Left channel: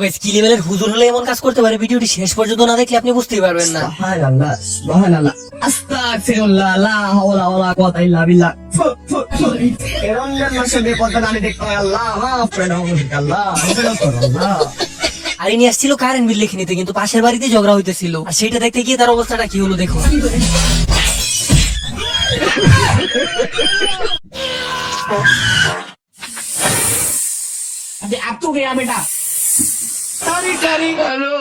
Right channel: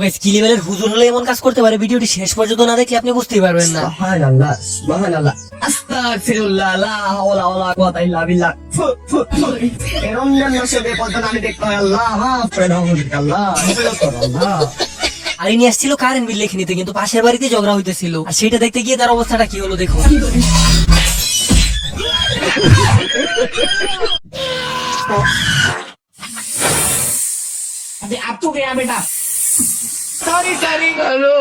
Guys কি লেভেলের হুজুর হলে এমন কাজ করতে পারে ভিডিওটি শেষ পর্যন্ত না দেখলে আপনি বুঝতেই পারবেন না। সুবহানাল্লাহ সুবহানাল্লাহ আস্তাগফিরুল্লাহ লা হাওলা ওয়ালা কুওয়াতা ইল্লা বিল্লাহ। রমজান মাসে বেপরদা নারী দেখতে হয়, আল্লাহ মাফ করে দাও আল্লাহ, আল্লাহ। আর ইনি আসছিল কারেন্ট বিল লিখে নিতে, কিন্তু পাশের বাড়িতে ঝগড়া হইতেছিল, আর সেটা দেখতে গিয়ে তার অবস্থাটা কি হলো দেখো। अब तू गया बेटा, सॉरी सॉरी हेलो।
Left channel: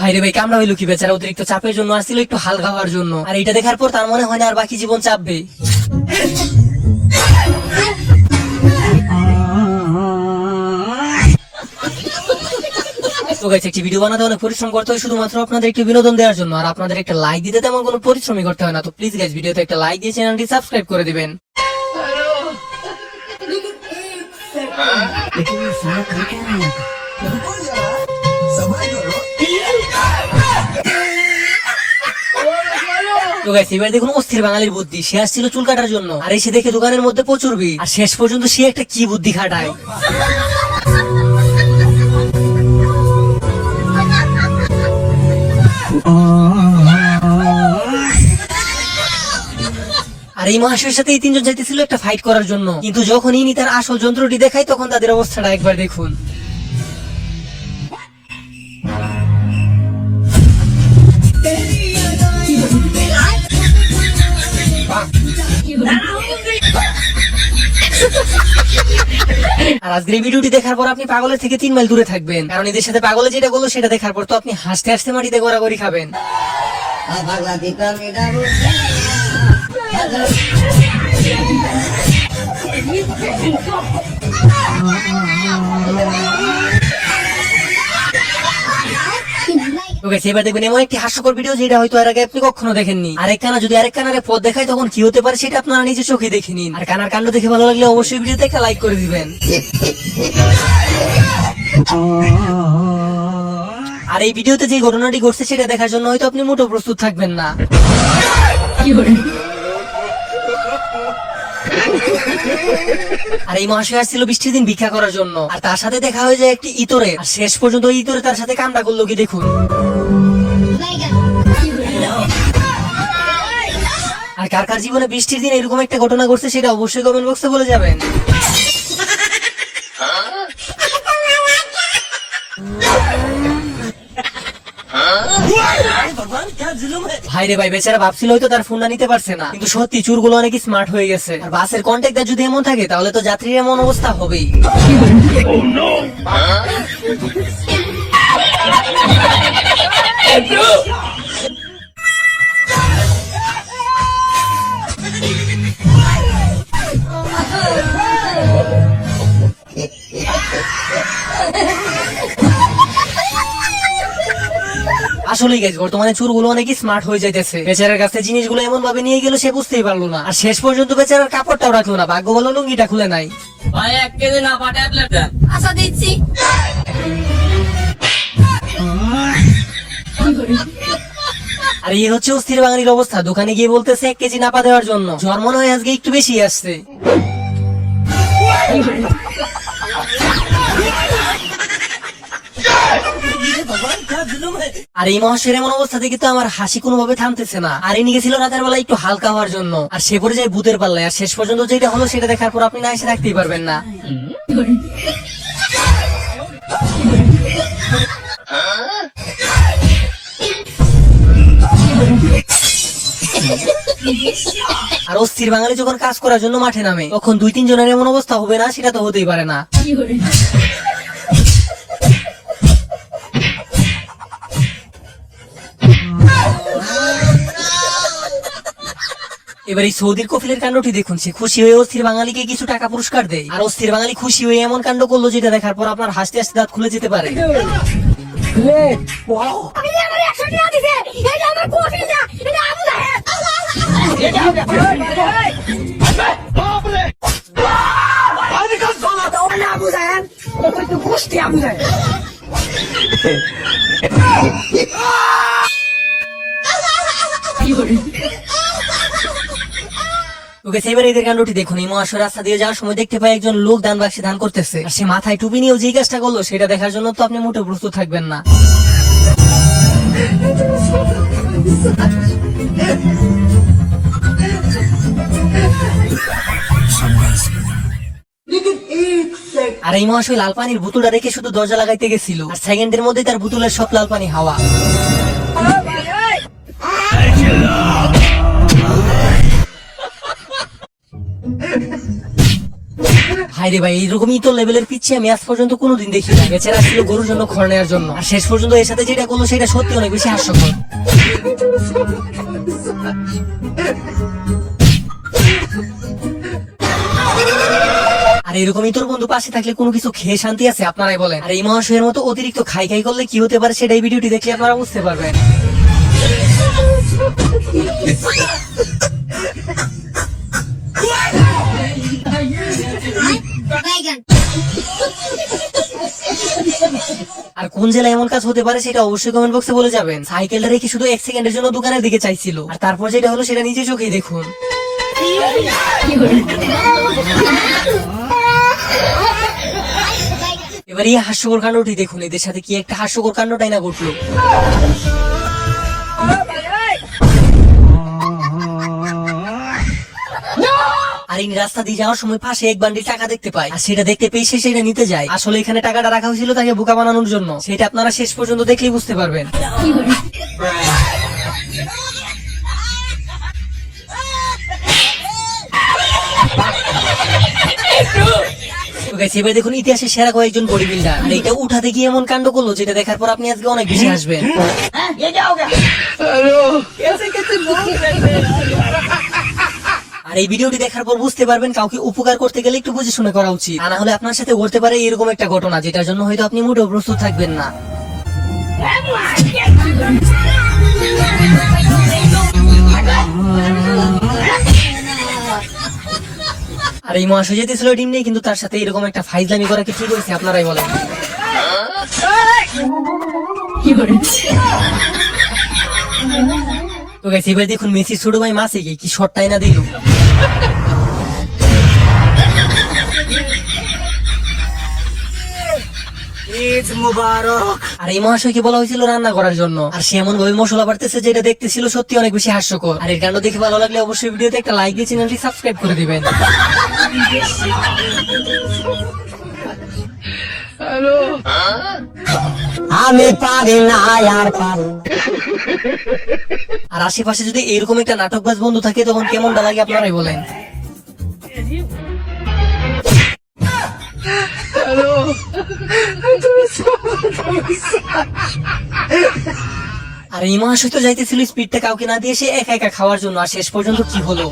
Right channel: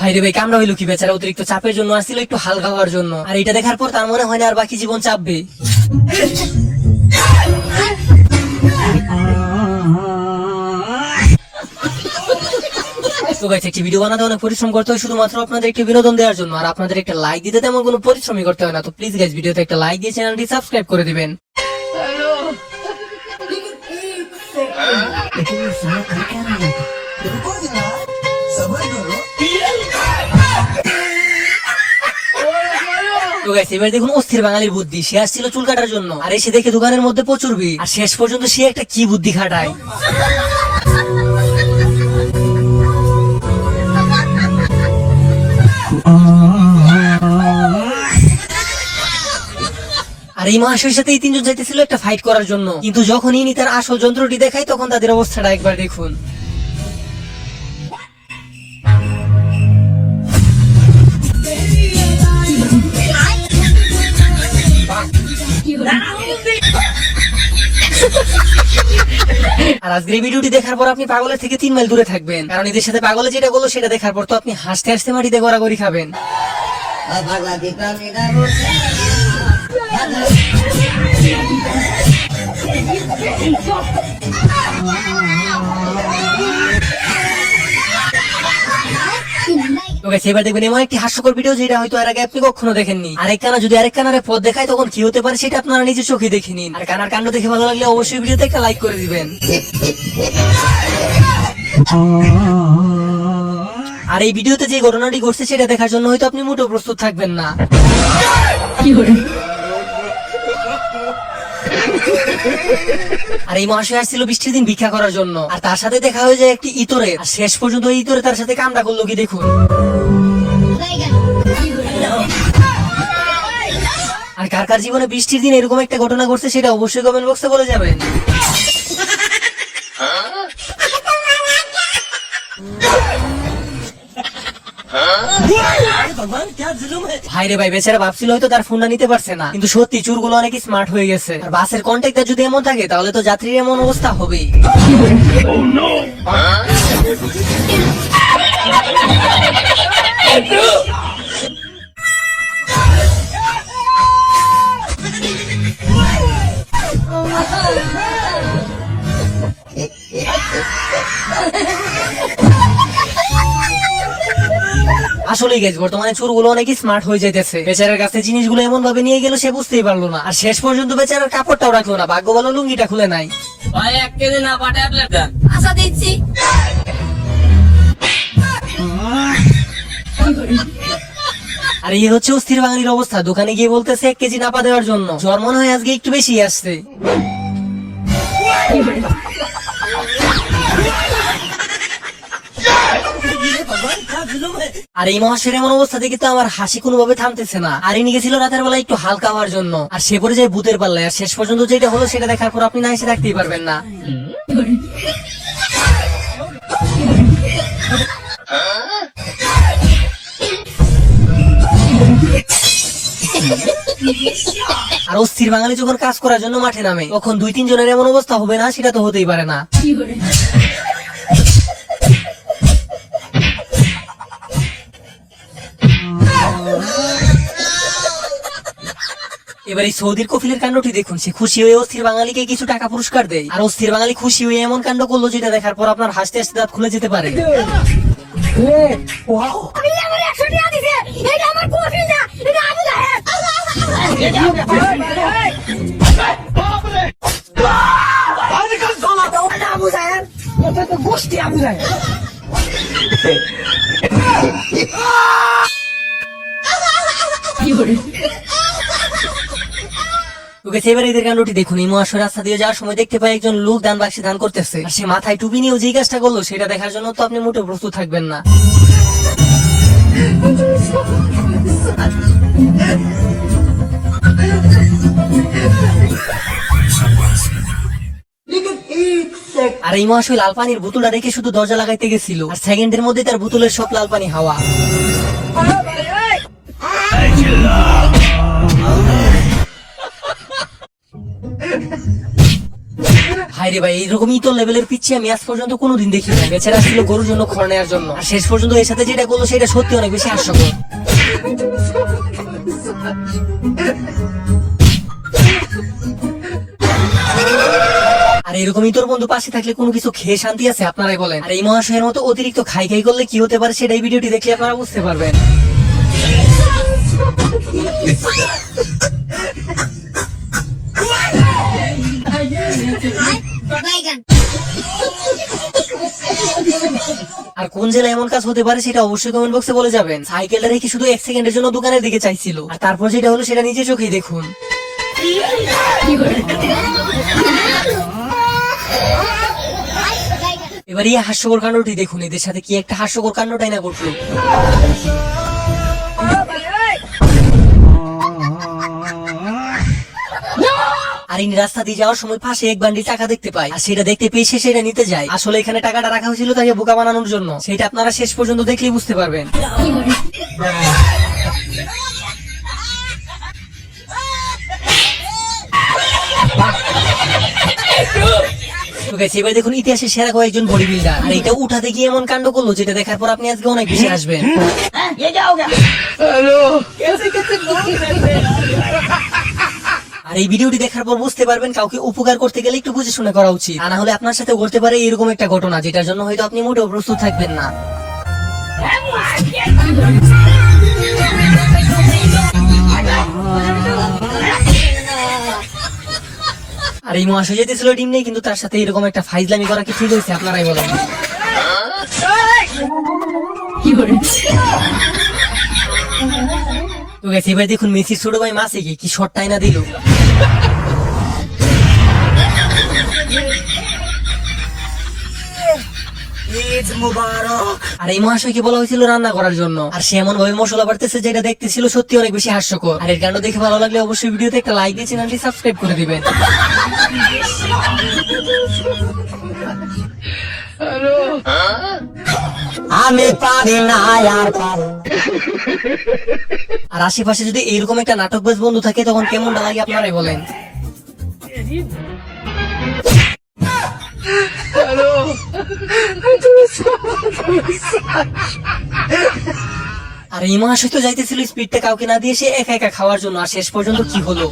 ভাই রে ভাই, কামড়া হইলো কি বেচারা অতিরিক্ত চাপের জন্য আসছিল একটু হালকা হওয়ার জন্য, আর এটা দেখার পর তার মনে হয় না আর বাকি জীবন চাপবে। তো গাইস, একটি ভিডিও বানাতে অনেক পরিশ্রম করতে হয় শুধুমাত্র আপনাদের একটি বিনোদন দেওয়ার জন্য, আর আপনাদের একটা লাইক দিতে তেমন কোনো পরিশ্রমই করতে হয় না। তো প্লিজ গাইস, ভিডিওতে একটা লাইক দিয়ে চ্যানেলটি সাবস্ক্রাইব করে দিবেন। তো গাইস, এবার দেখুন অস্থির বাঙালির বুদ্ধি। সে আসছিল চুল কাটার জন্য, আর এসে দেখে দোকানের মধ্যে প্রচুর ভিড়, আর শেষ পর্যন্ত সে একটা কি বুদ্ধি খাটায়। আর এই মহাশয়ের সাথে এই তিনজন যাইতেছিল একটা ফাইট করার জন্য, কিন্তু যখন ইনি তার আসল যন্ত্রটি দেখায় তখন তাদের অবস্থাটা একবার দেখুন। আর আজকের এই ভিডিওটি দেখার পর আপনি পাগলের থেকে 3 মাইল দূরে থাকবেন, কারণ এদের সাথে পাগলে যেটা করলো সেটা দেখার পর তো আপনি হাসতে হাসতে মাটিতে গড়াগড়ি খাবেন। এবার দেখবেন এমন একটি হাস্যকর ভিডিও যেটা হয়তো এর আগে আপনি কখনো দেখেননি। আরেক কানা যদি আরেক কানারে পথ দেখায় তখন কি হতে পারে সেটা আপনারা নিজে চোখে দেখে নিন। আর কানার কাণ্ড দেখে ভালো লাগলে অবশ্যই ভিডিওতে একটা লাইক করে দিবেন। আর এই ভিডিওতে যে ঘটনাটি ঘটছে সেটা দেখার জন্য হয়তো আপনি মোটেও প্রস্তুত থাকবেন না। আর এই মহাশয় আসছিল বৃষ্টির দিন ভিক্ষা করার জন্য, আর তার সাথে দেখা হয়ে যায় একটি ইতরে, আর শেষ পর্যন্ত ইতরে তার সাথে কামড়া করলো কি দেখুন। আর কার কার জীবনে বৃষ্টির দিন এরকম একটা ঘটনা ঘটছে সেটা অবশ্যই কমেন্ট বক্সে বলে যাবেন। ভাই রে ভাই, বেচারা ভাবছিল হয়তো তার ফোনটা নিতে পারছে না, কিন্তু সত্যি চোরগুলো অনেক স্মার্ট হয়ে গেছে। আর বাসের কন্ট্যাক্টটা যদি এমন থাকে তাহলে তো যাত্রীর এমন অবস্থা হবেই। আসলেই গাইস, বর্তমানে চোরগুলো অনেক স্মার্ট হয়ে যাইতেছে। বেচারার কাছে জিনিসগুলো এমন ভাবে নিয়ে গেল সে বুঝতেই পারলো না, আর শেষ পর্যন্ত বেচারার কাপড়টাও রাখলো না, ভাগ্য ভালো লুঙ্গিটা খুলে নাই। ভাই 1 কেজি না পাঠায় প্লেটটা। আচ্ছা দিচ্ছি। আর এই হচ্ছে অস্থির বাঙালির অবস্থা। দোকানে গিয়ে বলতেছে 1 কেজি নাপা দেওয়ার জন্য। জ্বর মনে হয় আজকে একটু বেশি আসছে। আর এই মহাশয়ের এমন অবস্থা থেকে তো আমার হাসি কোনোভাবে থামতেছে না। আর ইনি গেছিল রাতের বেলা একটু হালকা হওয়ার জন্য, আর সে পরে যায় ভূতের পাল্লায়। আর শেষ পর্যন্ত যেটা হলো সেটা দেখার পর আপনি না এসে রাখতেই পারবেন না। আর অস্থির বাঙালি যখন কাজ করার জন্য মাঠে নামে তখন 2-3 জনের এমন অবস্থা হবে না, সেটা তো হতেই পারে না। এবার এই সৌদির কফিলের কাণ্ডটি দেখুন। সে খুশি হয়ে অস্থির বাঙালিকে কিছু টাকা পুরস্কার দেয়, আর অস্থির বাঙালি খুশি হয়ে এমন কাণ্ড করলো যেটা দেখার পর আপনার হাসতে হাসতে দাঁত খুলে যেতে পারে। তোকে সেবার এদের কাণ্ডটি দেখুন। এই মহাশয় রাস্তা দিয়ে যাওয়ার সময় দেখতে পাই একজন লোক দান বাক্সে দান করতেছে, আর সে মাথায় টুপি নিয়েও যে কাজটা করলো সেটা দেখার জন্য তো আপনি মোটেও প্রস্তুত থাকবেন না। আর এই মহাশয় লাল পানির বোতলটা রেখে শুধু দরজা লাগাইতে গেছিল, আর সেকেন্ডের মধ্যে তার বোতলের সব লাল পানি হাওয়া। হাইরে ভাই, এইরকমই তো লেভেলের পিছিয়ে আমি আজ পর্যন্ত কোনোদিন দেখি না। বেচারা ছিল গরুর জন্য খড় নেওয়ার জন্য, আর শেষ পর্যন্ত এর সাথে যেটা করলো সেটা সত্যি অনেক বেশি হাস্যকর। আর এরকমই তোর বন্ধু পাশে থাকলে কোনো কিছু খেয়ে শান্তি আছে? আপনারাই বলেন। আর এই মহাশয়ের মতো অতিরিক্ত খাই খাই করলে কি হতে পারে সেটাই ভিডিওটি দেখলে আপনারা বুঝতে পারবেন। আর কোন জেলায় এমন কাজ হতে পারে সেটা অবশ্যই কমেন্ট বক্সে বলে যাবেন। সাইকেলটা রেখে শুধু 1 সেকেন্ডের জন্য দোকানের দিকে চাইছিল, আর তারপর যেটা হলো সেটা নিজে চোখেই দেখুন। এবার এই হাস্যকর কাণ্ডটি দেখুন। এদের সাথে কি একটা হাস্যকর কাণ্ডটাই না ঘটলো। আর ইনি রাস্তা দিয়ে যাওয়ার সময় পাশে এক বান্ডিল টাকা দেখতে পায়, আর সেটা দেখতে পেয়ে সে সেটা নিতে যায়। আসলে এখানে টাকাটা রাখা হয়েছিল তাকে বোকা বানানোর জন্য। সেটা আপনারা শেষ পর্যন্ত দেখলেই বুঝতে পারবেন। এবার দেখুন ইতিহাসের সেরা কয়েকজন বডি বিল্ডার, আর এটা উঠাতে গিয়ে এমন কাণ্ড করলো যেটা দেখার পর আপনি আজকে অনেক বেশি হাসবেন। আর এই ভিডিওটি দেখার পর বুঝতে পারবেন কাউকে উপকার করতে গেলে একটু বুঝে শুনে করা উচিত, আর না হলে আপনার সাথে ঘটতে পারে এরকম একটা ঘটনা যেটার জন্য হয়তো আপনি মোটেও প্রস্তুত থাকবেন না। আর এই মহাশয় যেতেছিল ডিম নেই, কিন্তু তার সাথে এরকম একটা ফাইজলামি করা কি ঠিক হয়েছে? আপনারাই বলেন। তো গেছে এবার দেখুন মেসি ছোট ভাই মাসে কি শটটাই না দিল। ঈদ মুবারক। আর এই মহাশয়কে বলা হয়েছিল রান্না করার জন্য, আর সে এমন ভাবে মশলা বাড়তেছে যেটা দেখতেছিল সত্যি অনেক বেশি হাস্যকর। আর এর কাণ্ড দেখে ভালো লাগলে অবশ্যই ভিডিওতে একটা লাইক দিয়ে চ্যানেলটি সাবস্ক্রাইব করে দিবেন। আমি পারি না আর আর আশেপাশে যদি এরকম একটা নাটকবাজ বন্ধু থাকে তখন কেমনটা লাগে আপনারাই বলেন। আর এই মহাশয় তো যাইতেছিল স্পিডটা কাউকে না দিয়ে সে একা একা খাওয়ার জন্য, আর শেষ পর্যন্ত কি হলো?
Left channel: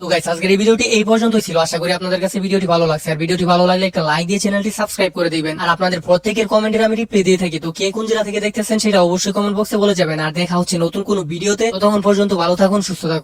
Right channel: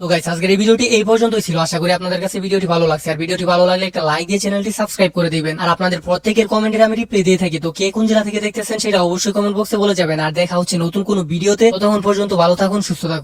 তো গাইস আজকের এই ভিডিওটি এই পর্যন্তই ছিল। আশা করি আপনাদের কাছে ভিডিওটি ভালো লাগছে। আর ভিডিওটি ভালো লাগলে একটা লাইক দিয়ে চ্যানেলটি সাবস্ক্রাইব করে দিবেন। আর আপনাদের প্রত্যেকের কমেন্টে আমি রিপ্লাই দিয়ে থাকি, তো কে কোন জেলা থেকে দেখতেছেন সেটা অবশ্যই কমেন্ট বক্সে বলে যাবেন। আর দেখা হচ্ছে নতুন কোনো ভিডিওতে। ততক্ষণ পর্যন্ত ভালো থাকুন, সুস্থ থাকুন।